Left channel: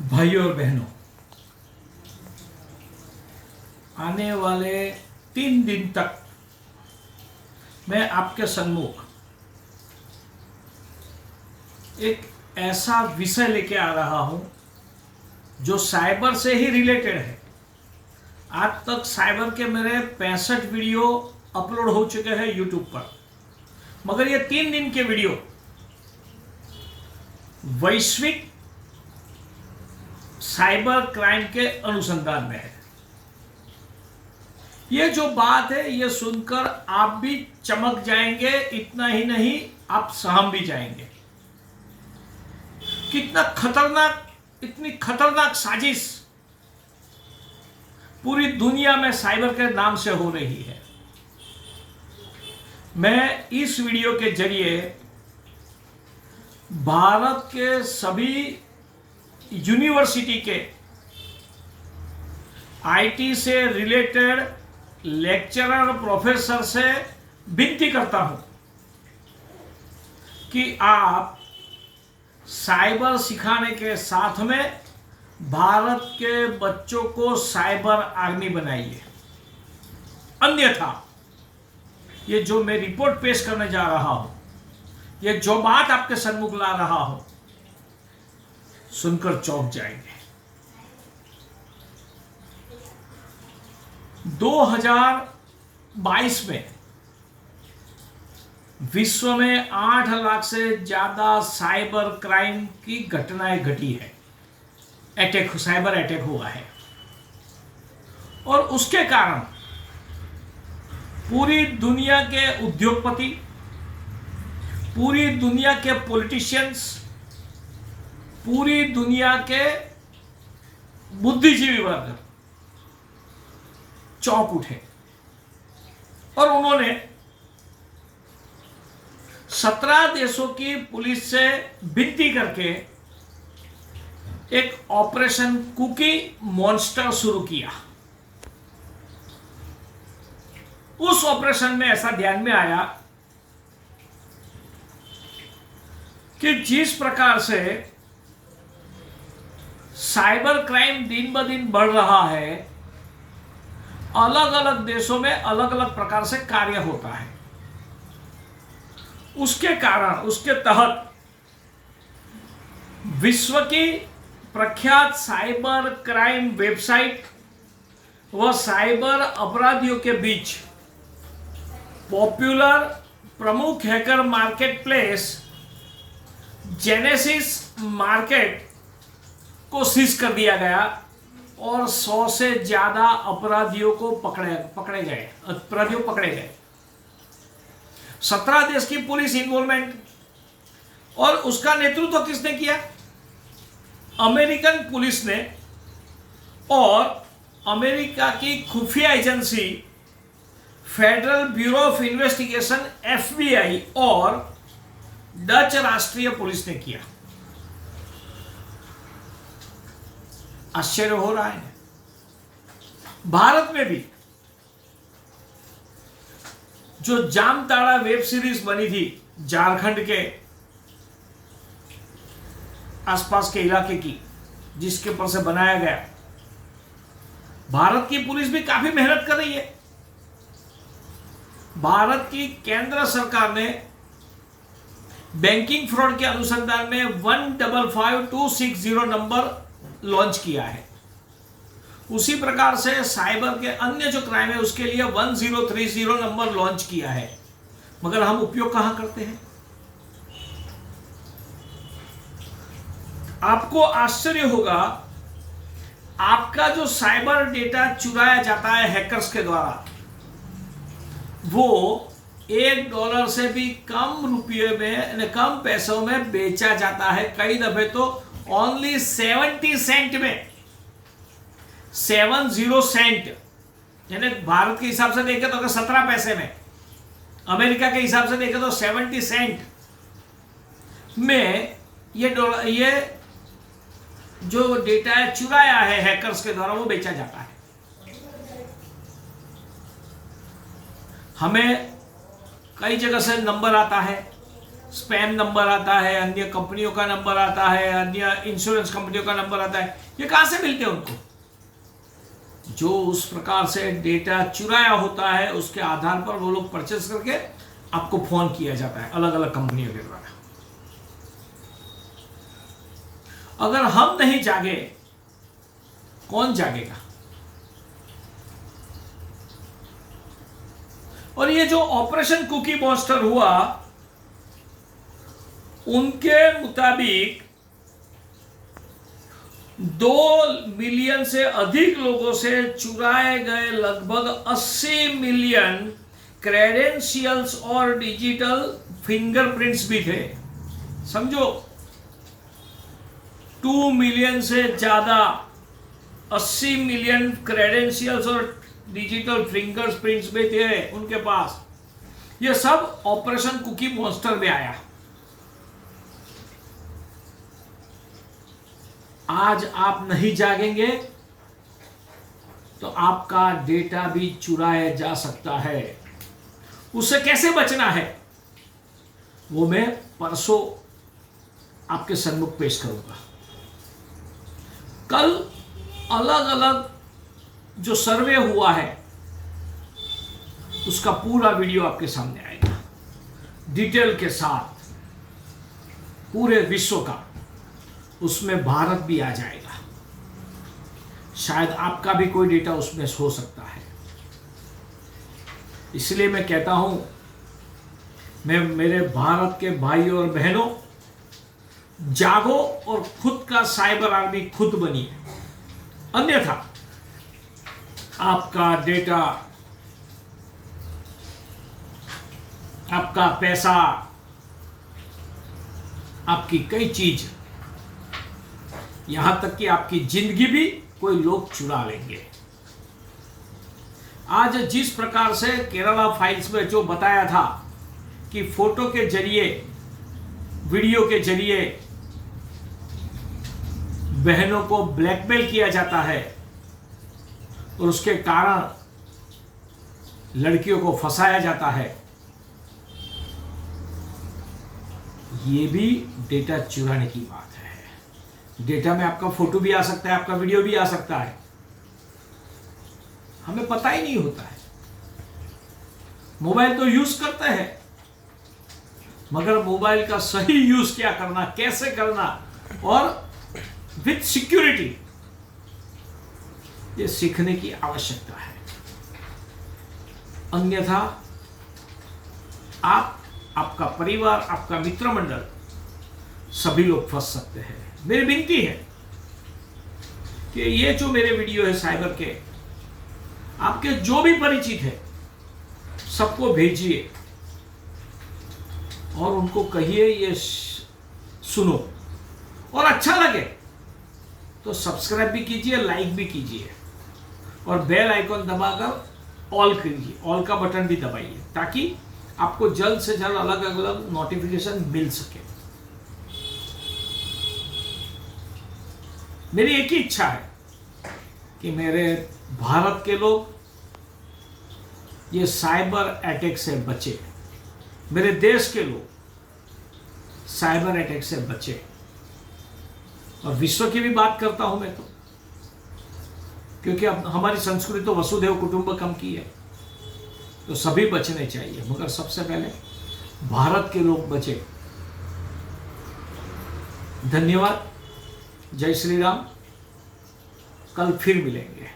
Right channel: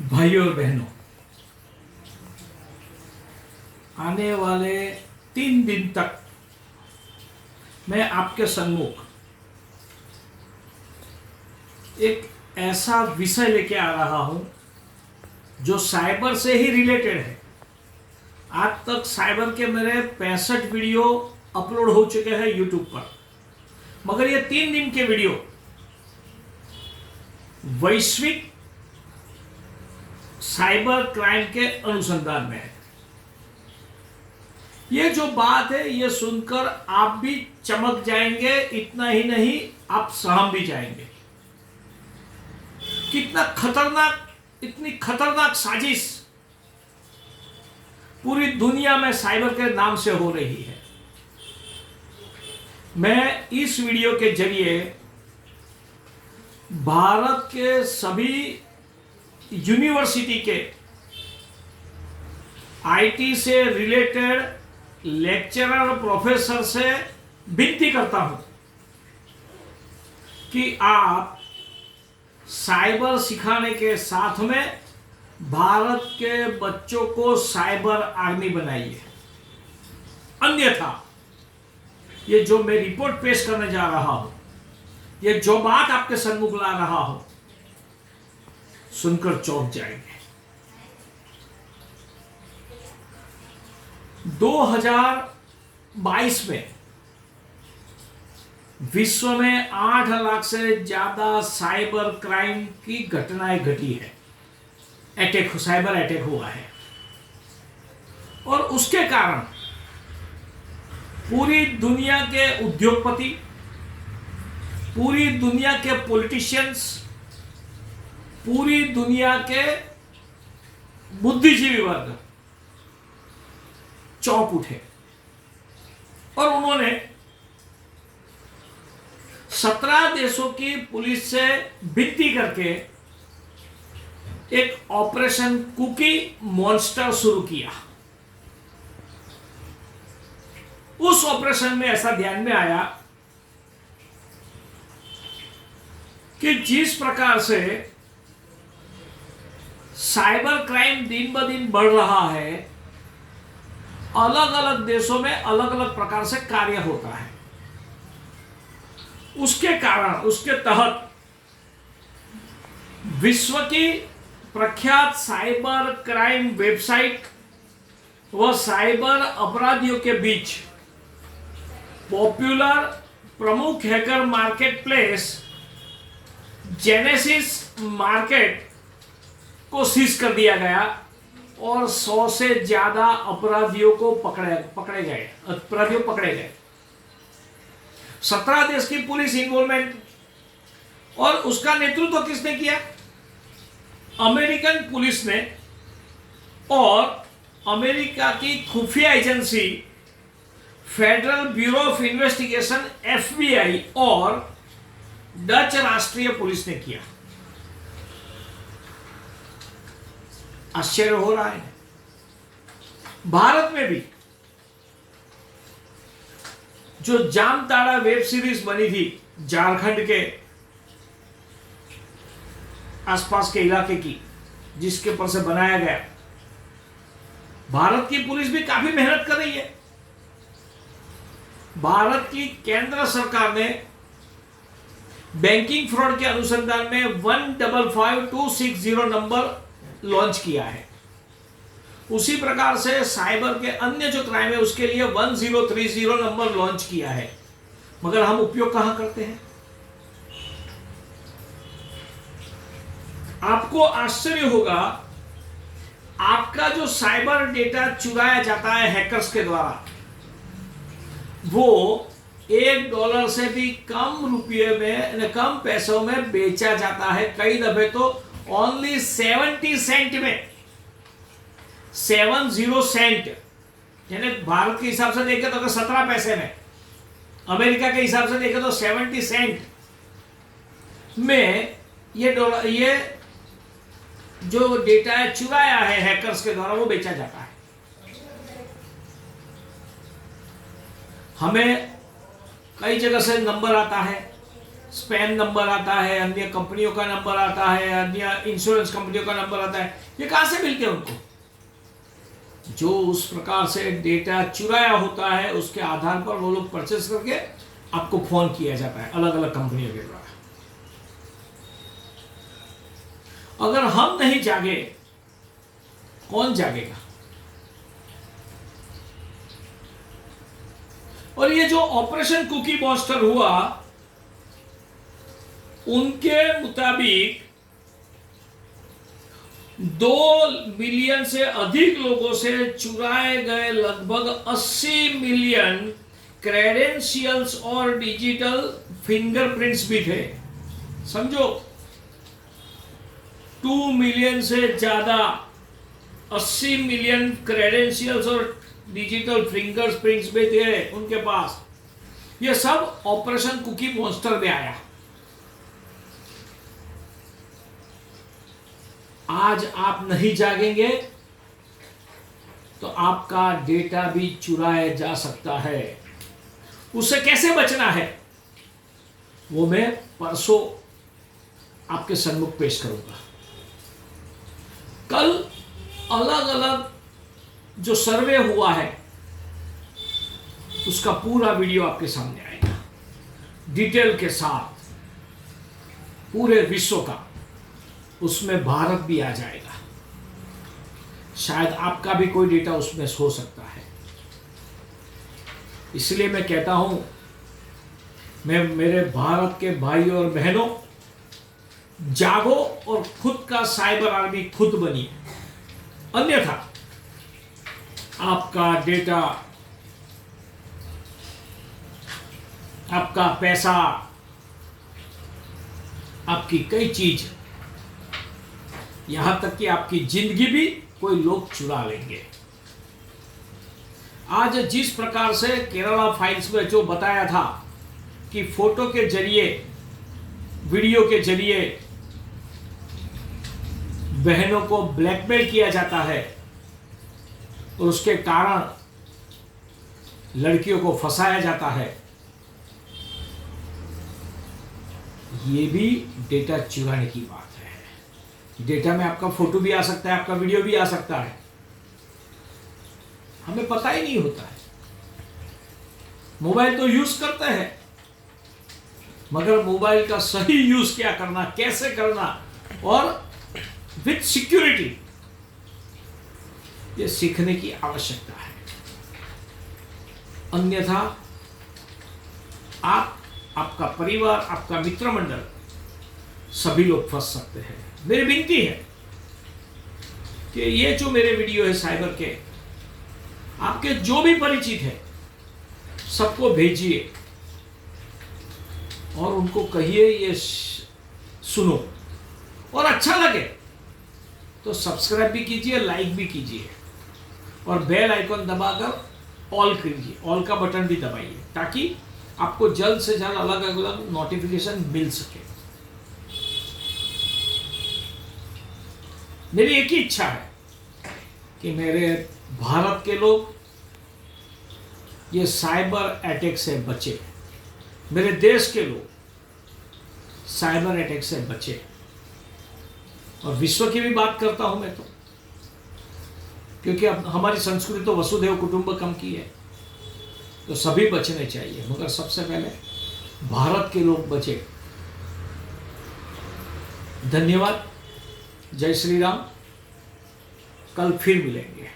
भाइयों और बहनों, आने वाले 3 दिन तक मैं आपके सम्मुख एक ऐसा विषय लेके आ रहा हूं जो साइबर से ही रिलेटेड है। आज तक साइबर के मेरे 65 वीडियो अपलोड हो चुके हैं यूट्यूब पर, मगर ये 3 दिन के वीडियो वैश्विक साइबर क्राइम के अनुसंधान में है। ये जो बात है ये सुनकर आप भी चमक जाएंगे, इतना ही नहीं आप सहम भी जाएंगे। कितना खतरनाक, इतनी खतरनाक साजिश पूरी दुनिया में साइबर के नाम से हो रही है। मैं इस वीडियो के जरिए भारत के सभी यूनिवर्सिटी के आईटी से रिलेटेड लेक्चरर और प्रोफेसर से विनती करता हूं कि आप साइबर सिखाने के साथ में भारत के बच्चों को साइबर आर्मी बनाइए। अन्यथा ये जो मैं रिपोर्ट पेश करने जा रहा हूं, ये जो बात आपके सम्मुख ला रहा हूं, सुनकर चौंक जाएंगे। 2022 में विश्व में 8 लाख से ज्यादा साइबर क्राइम की घटनाएं घटी है। साइबर अटैक हुआ है और उसके कारण पूरी दुनिया के उद्योगपति, पूरी दुनिया के पॉलिटिशियंस, पूरी दुनिया के बुद्धिजीवी वर्ग चौंक उठे और उन्होंने 17 देशों की पुलिस से विनती करके एक ऑपरेशन कुकी मॉन्स्टर शुरू किया। उस ऑपरेशन में ऐसा ध्यान में आया कि जिस प्रकार से साइबर क्राइम दिन ब दिन बढ़ रहा है, अलग अलग देशों में अलग अलग प्रकार से कार्य होता है। उसके कारण, उसके तहत विश्व की प्रख्यात साइबर क्राइम वेबसाइट व साइबर अपराधियों के बीच पॉपुलर प्रमुख hacker market place genesis market को सीज कर दिया गया और 100 से ज्यादा अपराधियों को पकड़े गए। 17 देश की पुलिस इन्वॉल्वमेंट, और उसका नेतृत्व किसने किया? अमेरिकन पुलिस ने और अमेरिका की खुफिया agency federal bureau of investigation FBI और डच राष्ट्रीय पुलिस ने किया। आश्चर्य हो रहा है। भारत में भी जो जामताड़ा वेब सीरीज बनी थी झारखंड के आसपास के इलाके की, जिसके ऊपर से बनाया गया, भारत की पुलिस भी काफी मेहनत कर रही है। भारत की केंद्र सरकार ने बैंकिंग फ्रॉड के अनुसंधान में 155260 नंबर लॉन्च किया है। उसी प्रकार से साइबर के अन्य जो क्राइम है उसके लिए 1030 नंबर लॉन्च किया है, मगर हम उपयोग कहां करते हैं? आपको आश्चर्य होगा, आपका जो साइबर डेटा चुराया जाता है हैकर्स के द्वारा, वो $1 से भी कम रुपये में, कम पैसों में बेचा जाता है। कई दफे तो ओनली 70 सेंट में, 70 सेंट, यानी भारत के हिसाब से देखें तो अगर 17 पैसे में, अमेरिका के हिसाब से देखें तो 70 सेंट में ये जो डेटा है चुराया है हैकर्स के द्वारा, वो बेचा जाता है। हमें कई जगह से नंबर आता है स्पैम नंबर आता है, अन्य कंपनियों का नंबर आता है, अन्य इंश्योरेंस कंपनियों का नंबर आता है। ये कहां से मिल गया उनको? जो उस प्रकार से डेटा चुराया होता है उसके आधार पर वो लोग परचेस करके आपको फोन किया जाता है अलग अलग कंपनियों के द्वारा। अगर हम नहीं जागे, कौन जागेगा? और ये जो ऑपरेशन कुकी मॉन्स्टर हुआ, उनके मुताबिक 2 मिलियन से अधिक लोगों से चुराए गए लगभग 80 मिलियन क्रेडेंशियल्स और डिजिटल फिंगरप्रिंट्स भी थे। समझो, 2 मिलियन से ज्यादा 80 मिलियन क्रेडेंशियल्स और डिजिटल फिंगरप्रिंट्स भी थे उनके पास। यह सब ऑपरेशन कुकी मॉन्स्टर में आया। आज आप नहीं जागेंगे तो आपका डेटा भी चुराया जा सकता है। उससे कैसे बचना है वो मैं परसों आपके सम्मुख पेश करूंगा। कल अलग अलग जो सर्वे हुआ है उसका पूरा वीडियो आपके सामने आएगा, डिटेल के साथ, पूरे विश्व का। उसमें भारत भी आ जाएगा। शायद आपका भी कोई डेटा उसमें हो सकता है। इसलिए मैं कहता हूं, मैं मेरे भारत के भाइयों और बहनों, जागो और खुद का साइबर आर्मी खुद बनिए। अन्यथा आपका डेटा, आपका पैसा, आपकी कई चीज, यहां तक कि आपकी जिंदगी भी कोई लोग चुरा लेंगे। आज जिस प्रकार से केरला फाइल्स में जो बताया था कि फोटो के जरिए, वीडियो के जरिए बहनों को ब्लैकमेल किया जाता है और उसके कारण लड़कियों को फंसाया जाता है, ये भी डेटा चुराने की बात है। डेटा में आपका फोटो भी आ सकता है, आपका वीडियो भी आ सकता है, हमें पता ही नहीं होता है। मोबाइल तो यूज करते हैं, मगर मोबाइल का सही यूज क्या करना, कैसे करना और विथ सिक्योरिटी, ये सीखने की आवश्यकता है। अन्यथा आप, आपका परिवार, आपका मित्र मंडल, सभी लोग फंस सकते हैं। मेरी विनती है कि ये जो मेरे वीडियो है साइबर के, आपके जो भी परिचित है सबको भेजिए और उनको कहिए ये सुनो, और अच्छा लगे तो सब्सक्राइब भी कीजिए, लाइक भी कीजिए और बेल आइकन दबाकर ऑल कीजिए, ऑल का बटन भी दबाइए ताकि आपको जल्द से जल्द अलग अलग नोटिफिकेशन मिल सके। मेरी एक ही इच्छा है कि मेरे भारत के लोग ये साइबर अटैक से बचे, मेरे देश के लोग साइबर अटैक से बचे। और विश्व की भी बात करता हूं मैं तो, क्योंकि अब हमारी संस्कृति तो वसुधैव कुटुंबकम की है, तो सभी बचने चाहिए, मगर सबसे पहले भारत के लोग बचे। धन्यवाद। जय श्री राम। कल फिर मिलेंगे।